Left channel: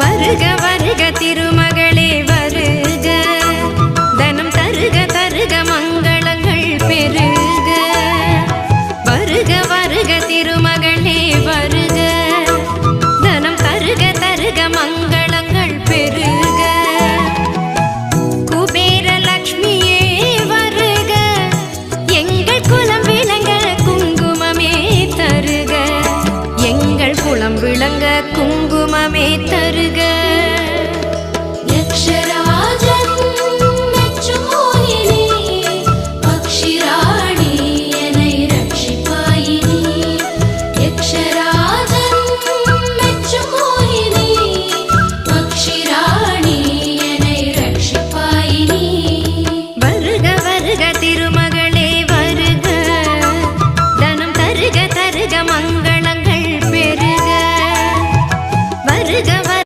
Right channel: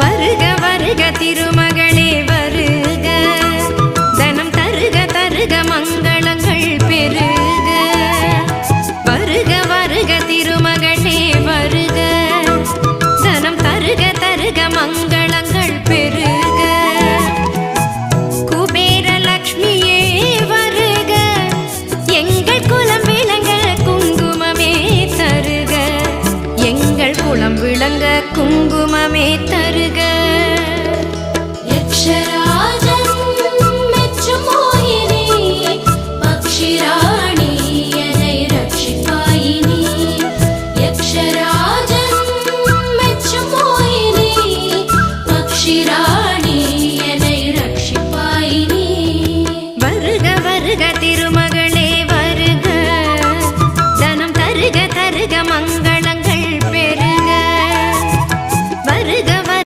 வருக வருக திருமகளே வருக, தனம் தருக தருக மங்களங்கள் பெருக. வருக வருக திருமகளே வருக, தனம் தருக தருக மங்களங்கள் பெருக. குபேர லக்ஷ்மியே வருக, எங்கள் குலம் விளங்க குங்குமமே தருக, எங்கள் குலம் விளங்க குங்குமமே தருக. வருக திருமகளே வருக, தனம் தருக தருக மங்கள